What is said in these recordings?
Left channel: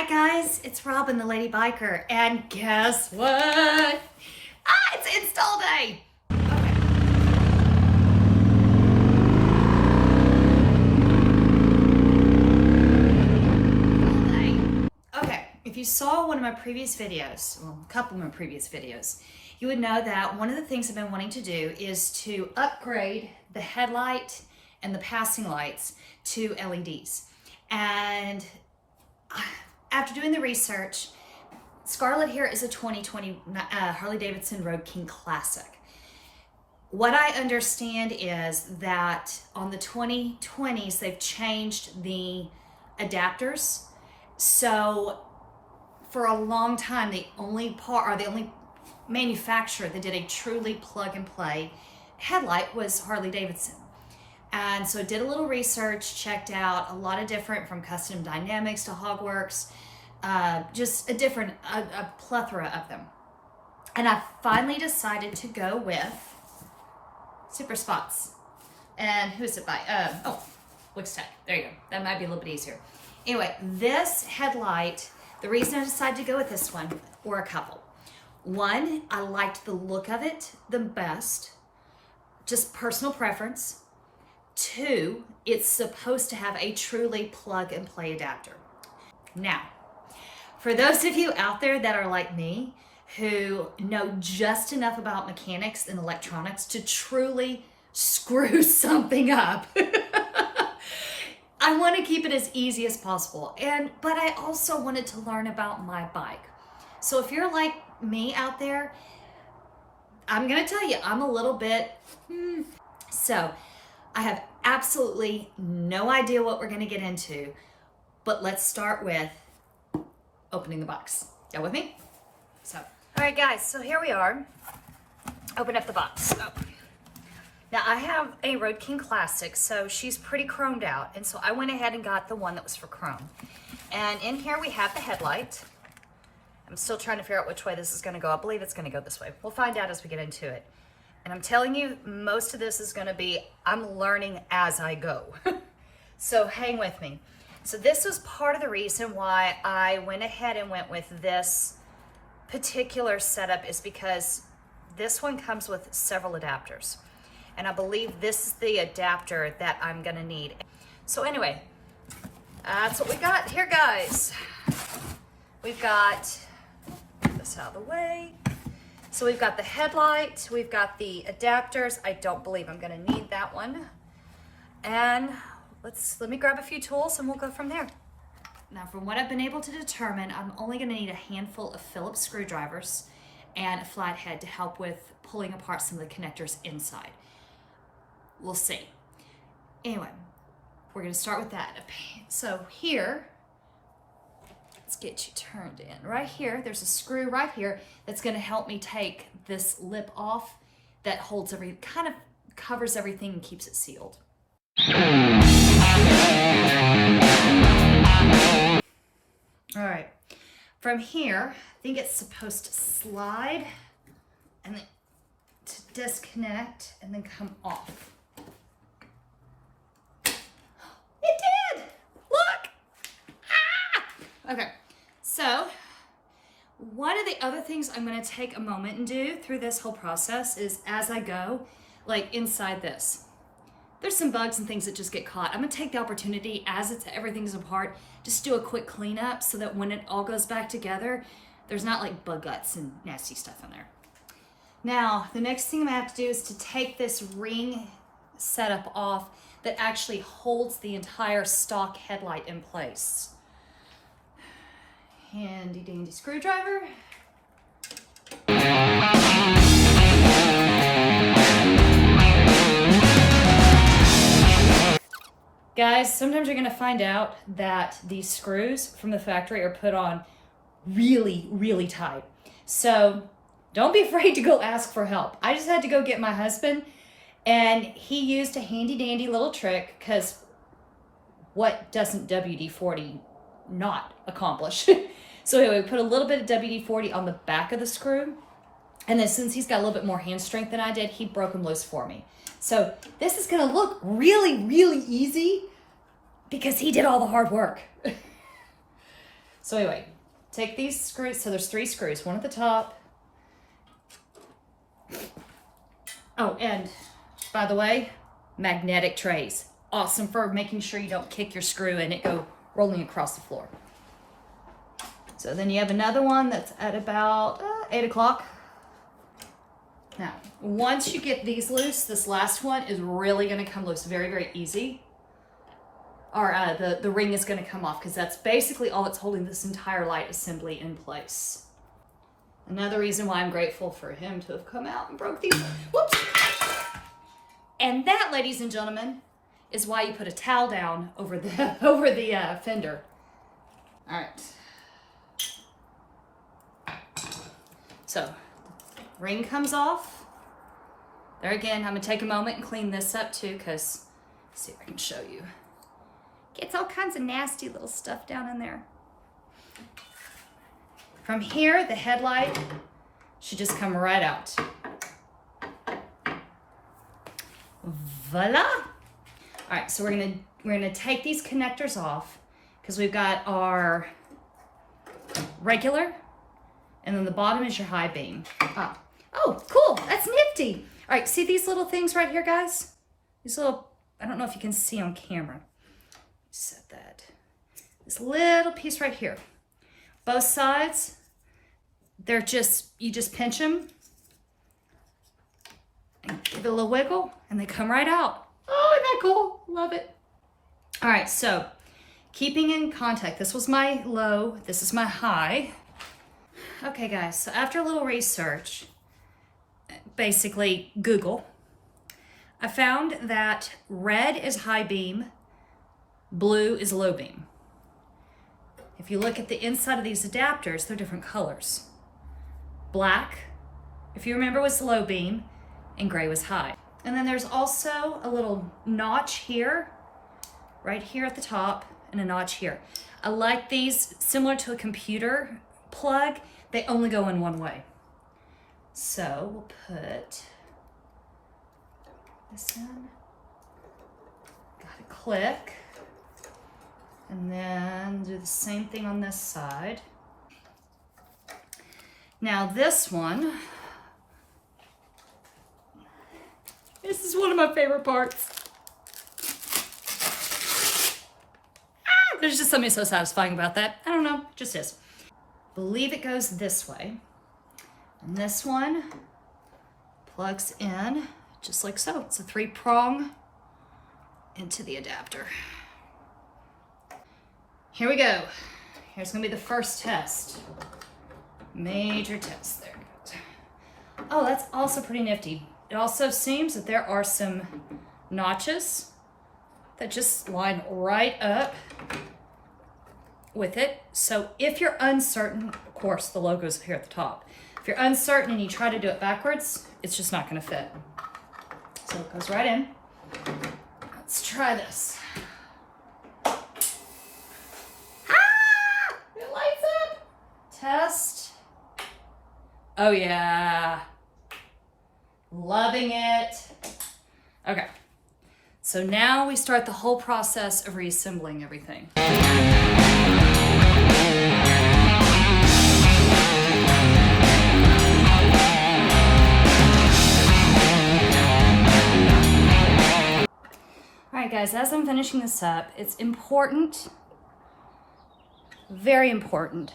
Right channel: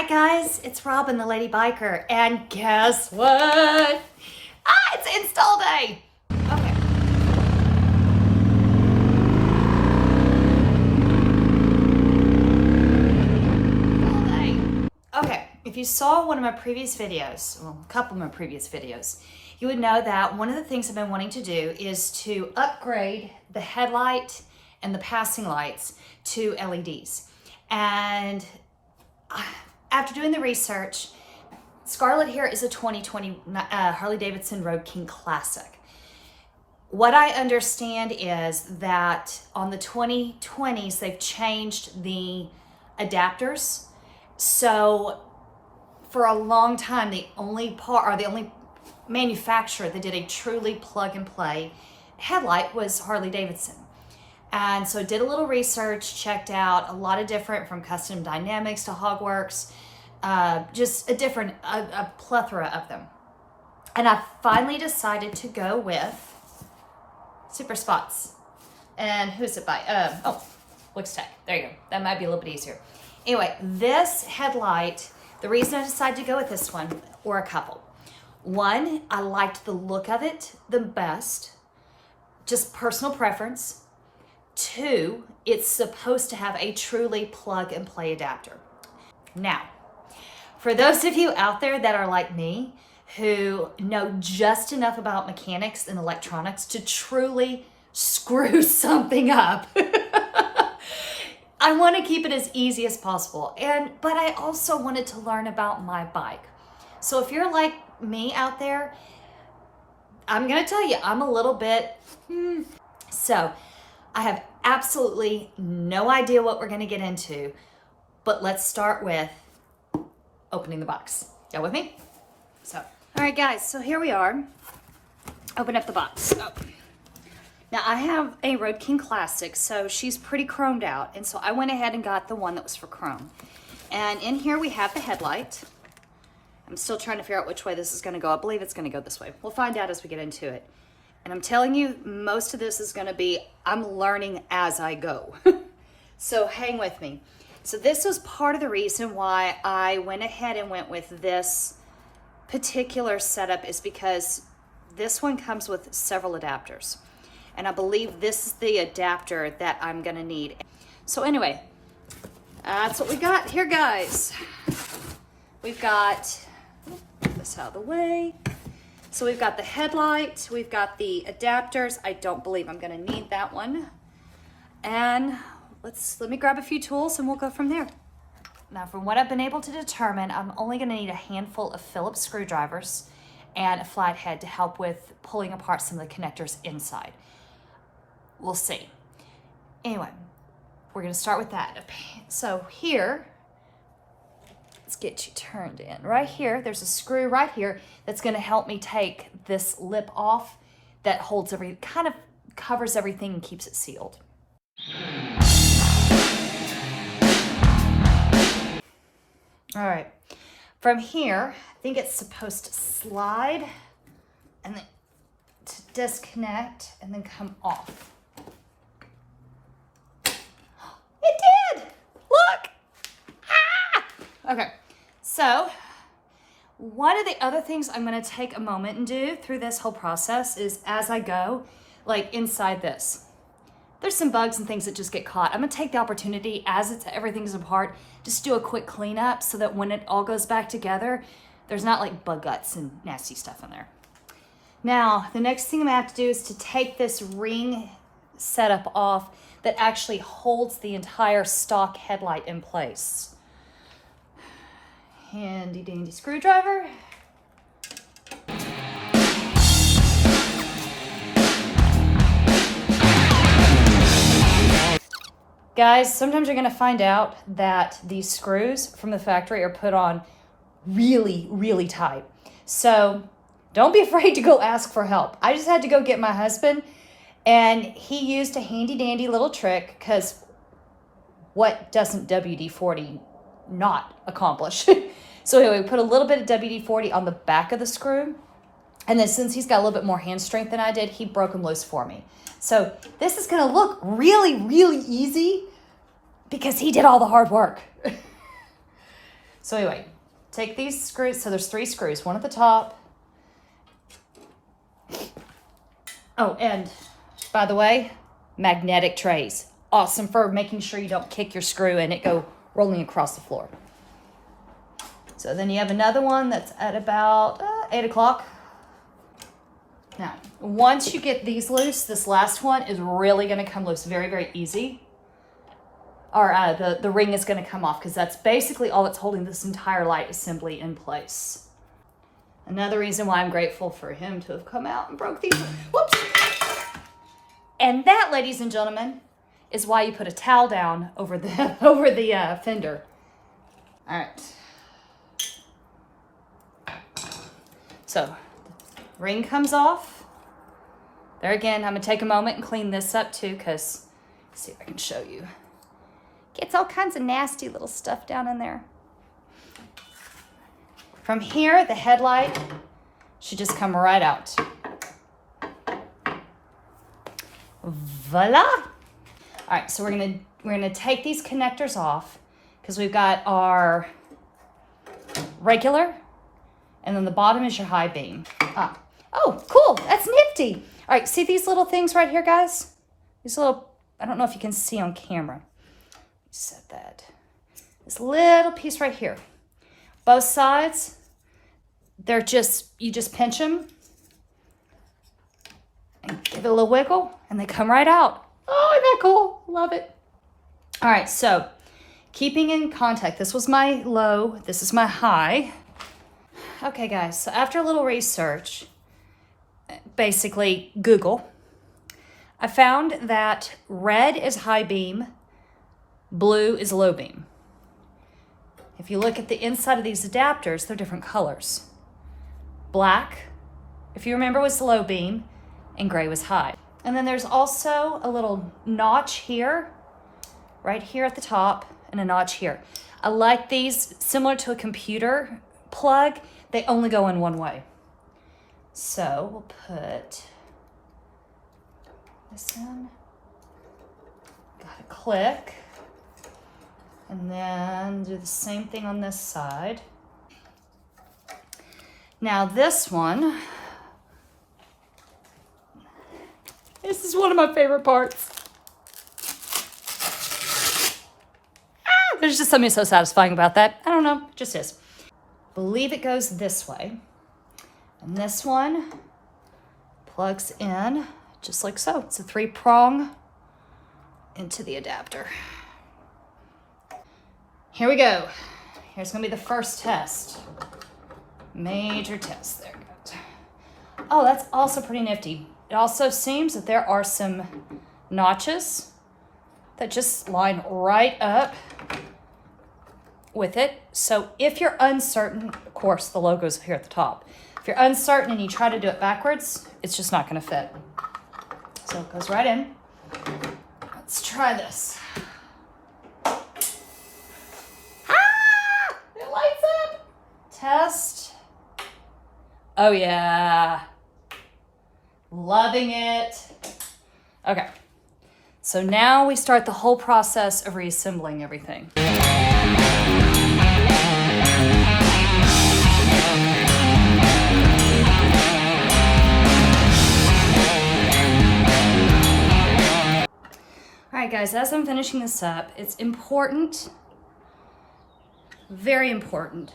Hi guys, it's Robin the Lady Biker, and guess what? It's install day! Okay, if you saw one of my previous videos, well, a couple of my previous videos, you would know that one of the things I've been wanting to do is to upgrade the headlight and the passing lights to LEDs. And after doing the research, Scarlett here is a 2020 Harley-Davidson Road King Classic. What I understand is that on the 2020s, they've changed the adapters. So for a long time, the only manufacturer that did a truly plug and play headlight was Harley-Davidson. And so I did a little research, checked out a lot of different, from Custom Dynamics to Hogworks, just a plethora of them. And I finally decided to go with Super Spots. And who's it by? Wixtech. There you go. That might be a little bit easier. Anyway, this headlight, the reason I decided to go with this one, or a couple. One, I liked the look of it the best, just personal preference. Two, it's supposed to have a truly plug and play adapter. Now, for those of you out there that are like me, who know just enough about mechanics and electronics to truly screw something up, I want to keep it as easy as possible. But I also wanted to learn about my bike. So if you're like me out there, I'm going to tell you, I'm a little bit, So I have absolutely no idea what we're going to get into, but let's start with opening the box. Y'all with me? So, all right guys, so here we are. Open up the box. Now I have a Road King Classic, so she's pretty chromed out, and so I went ahead and got the one that was for chrome. And in here we have the headlight. I'm still trying to figure out which way this is going to go. I believe it's going to go this way. We'll find out as we get into it. And I'm telling you, most of this is going to be, I'm learning as I go. So hang with me. So this was part of the reason why I went ahead and went with this particular setup, is because this one comes with several adapters. And I believe this is the adapter that I'm going to need. So anyway, that's what we got here, guys. We've got this out of the way. So we've got the headlight, we've got the adapters. I don't believe I'm going to need that one. And let me grab a few tools and we'll go from there. Now, from what I've been able to determine, I'm only going to need a handful of Phillips screwdrivers and a flathead to help with pulling apart some of the connectors inside. We'll see. Anyway, we're going to start with that. So here, let's get you turned in. Right here, there's a screw right here that's going to help me take this lip off that holds kind of covers everything and keeps it sealed. All right, from here, I think it's supposed to slide and then to disconnect and then come off. It did! Look! Ah! Okay, so one of the other things I'm going to take a moment and do through this whole process is, as I go, like inside this, there's some bugs and things that just get caught. I'm going to take the opportunity as everything's apart, just do a quick cleanup so that when it all goes back together, there's not like bug guts and nasty stuff in there. Now, the next thing I'm going to have to do is to take this ring setup off that actually holds the entire stock headlight in place. Handy dandy screwdriver. Guys, sometimes you're gonna find out that these screws from the factory are put on really, really tight. So don't be afraid to go ask for help. I just had to go get my husband, and he used a handy dandy little trick, because what doesn't WD-40 not accomplish? So anyway, we put a little bit of WD-40 on the back of the screw, and then since he's got a little bit more hand strength than I did, he broke them loose for me. So this is gonna look really, really easy because he did all the hard work. So anyway, take these screws. So there's 3 screws, one at the top. Oh, and by the way, magnetic trays. Awesome for making sure you don't kick your screw and it go rolling across the floor. So then you have another one that's at about 8 o'clock. Now, once you get these loose, this last one is really going to come loose very, very easy. Or the ring is going to come off because that's basically all it's holding this entire light assembly in place. Another reason why I'm grateful for him to have come out and broke these. Whoops. And that, ladies and gentlemen, is why you put a towel down over the fender. All right. So, ring comes off. There again, I'm gonna take a moment and clean this up too, because see if I can show you. Gets all kinds of nasty little stuff down in there. From here, the headlight should just come right out. Voila! All right, so we're gonna take these connectors off because we've got our regular, and then the bottom is your high beam. Oh, cool, that's nifty. All right, see these little things right here, guys? These little, I don't know if you can see on camera. Set that. This little piece right here. Both sides, they're just, you just pinch them and give it a little wiggle and they come right out. Oh, isn't that cool? Love it. All right, so keeping in contact. This was my low, this is my high. Okay, guys, so after a little research, basically Google, I found that red is high beam, blue is low beam. If you look at the inside of these adapters, they're different colors. Black, if you remember, was low beam, and gray was high. And then there's also a little notch here, right here at the top, and a notch here. I like these, similar to a computer plug, they only go in one way. So we'll put this in, got a click, and then do the same thing on this side. Now this one, this is one of my favorite parts. There's just something so satisfying about that. I don't know, just is. Believe it goes this way. And this one plugs in just like so. It's a 3-prong into the adapter. Here we go. Here's gonna be the first test. Major test there. Oh, that's also pretty nifty. It also seems that there are some notches that just line right up with it. So if you're uncertain, of course the logo's here at the top. If you're uncertain and you try to do it backwards, it's just not gonna fit. So it goes right in. Let's try this. It lights up. Test. Oh yeah. Loving it. Okay. So now we start the whole process of reassembling everything. All right, guys, as I'm finishing this up, it's important, very important,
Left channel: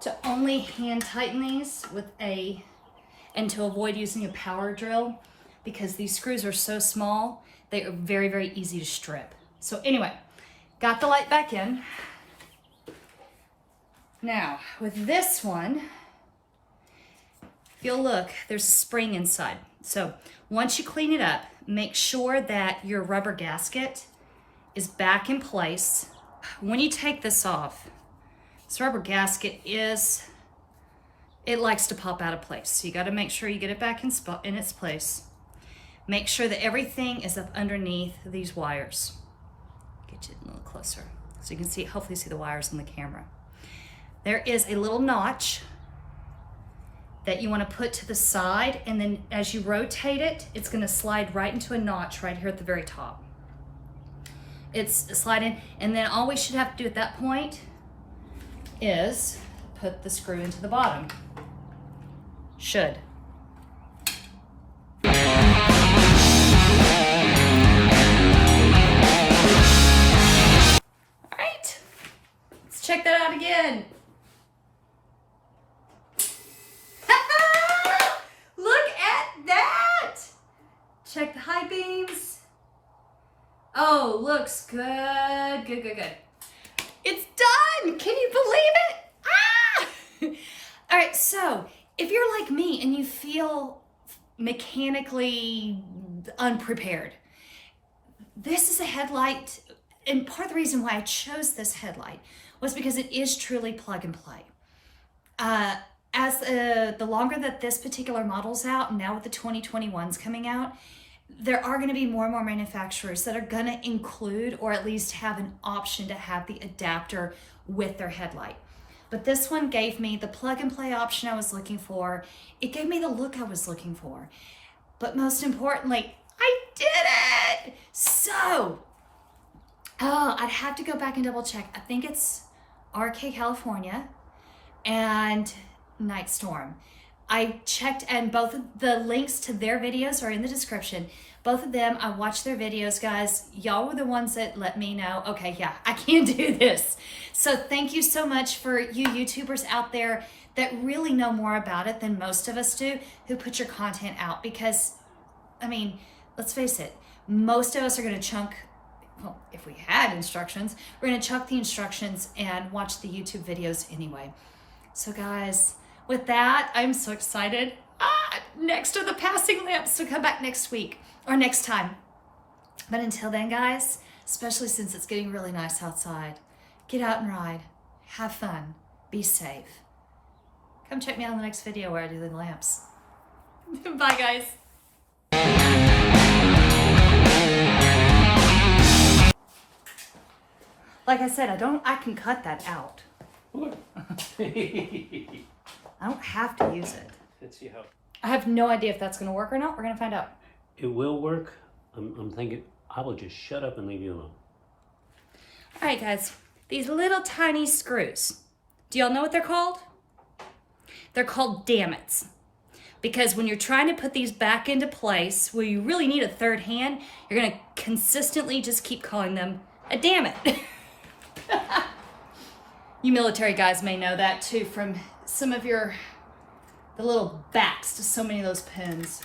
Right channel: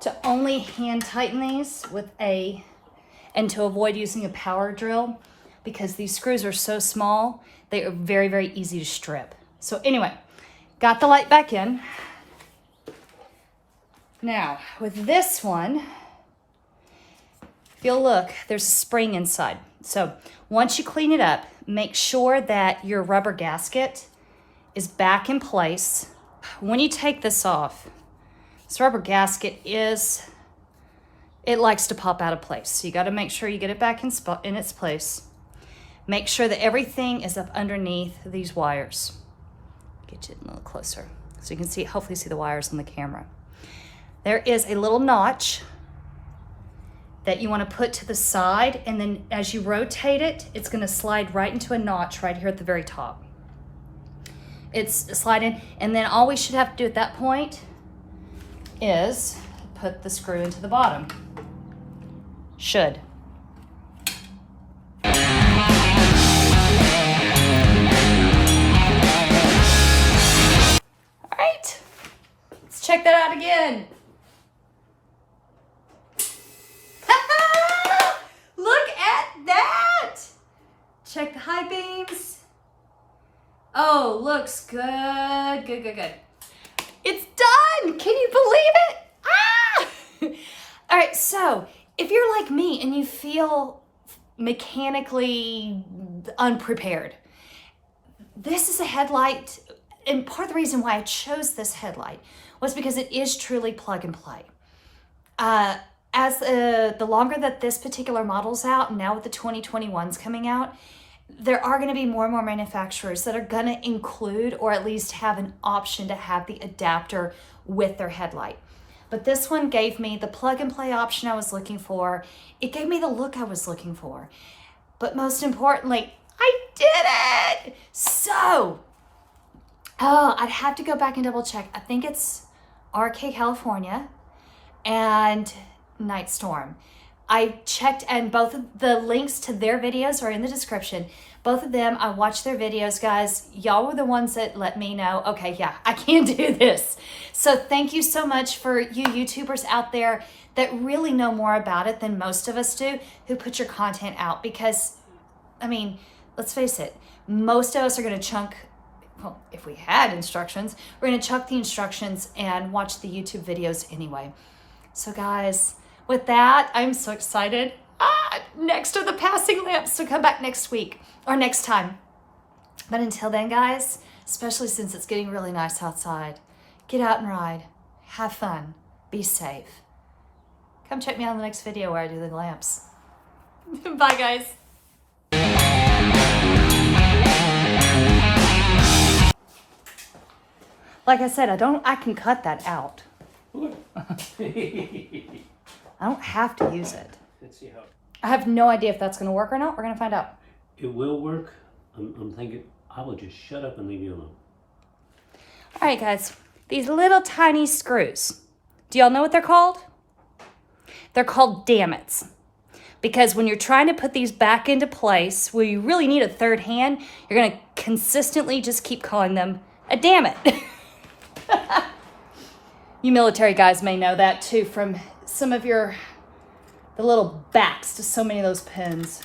to only hand tighten these with and to avoid using a power drill, because these screws are so small, they are very, very easy to strip. So anyway, got the light back in. Now, with this one, if you'll look, there's a spring inside. So once you clean it up, make sure that your rubber gasket is back in place. When you take this off, this rubber gasket it likes to pop out of place. So you got to make sure you get it back in its place. Make sure that everything is up underneath these wires. Get you a little closer so you can see, hopefully see the wires on the camera. There is a little notch that you want to put to the side, and then as you rotate it, it's going to slide right into a notch right here at the very top. It's sliding, and then all we should have to do at that point is put the screw into the bottom. Should. All right, let's check that out again. Look at that. Check the high beams. Oh, looks good, good, good, good. It's done. Can you believe it? Ah! All right, so if you're like me and you feel mechanically unprepared, this is a headlight, and part of the reason why I chose this headlight was because it is truly plug and play. As the longer that this particular model's out, now with the 2021s coming out, there are going to be more and more manufacturers that are going to include or at least have an option to have the adapter with their headlight. But this one gave me the plug and play option I was looking for. It gave me the look I was looking for. But most importantly, I did it! So, I'd have to go back and double check. I think it's RK California and Night Storm. I checked, and both of the links to their videos are in the description. Both of them, I watched their videos, guys. Y'all were the ones that let me know, okay, yeah, I can do this. So thank you so much for you YouTubers out there that really know more about it than most of us do, who put your content out. Because, I mean, let's face it, most of us are gonna chunk, well, if we had instructions, we're gonna chunk the instructions and watch the YouTube videos anyway. So guys, with that, I'm so excited. Next are the passing lamps to come back next week or next time. But until then, guys, especially since it's getting really nice outside, get out and ride, have fun, be safe. Come check me out in the next video where I do the lamps. Bye, guys. Like I said, I can cut that out. I don't have to use it. Let's see how. I have no idea if that's going to work or not. We're going to find out. It will work. I'm thinking I will just shut up and leave you alone. All right, guys. These little tiny screws. Do y'all know what they're called? They're called dammits. Because when you're trying to put these back into place, where you really need a third hand, you're going to consistently just keep calling them a dammit. You military guys may know that too from some of the little backs to so many of those pins.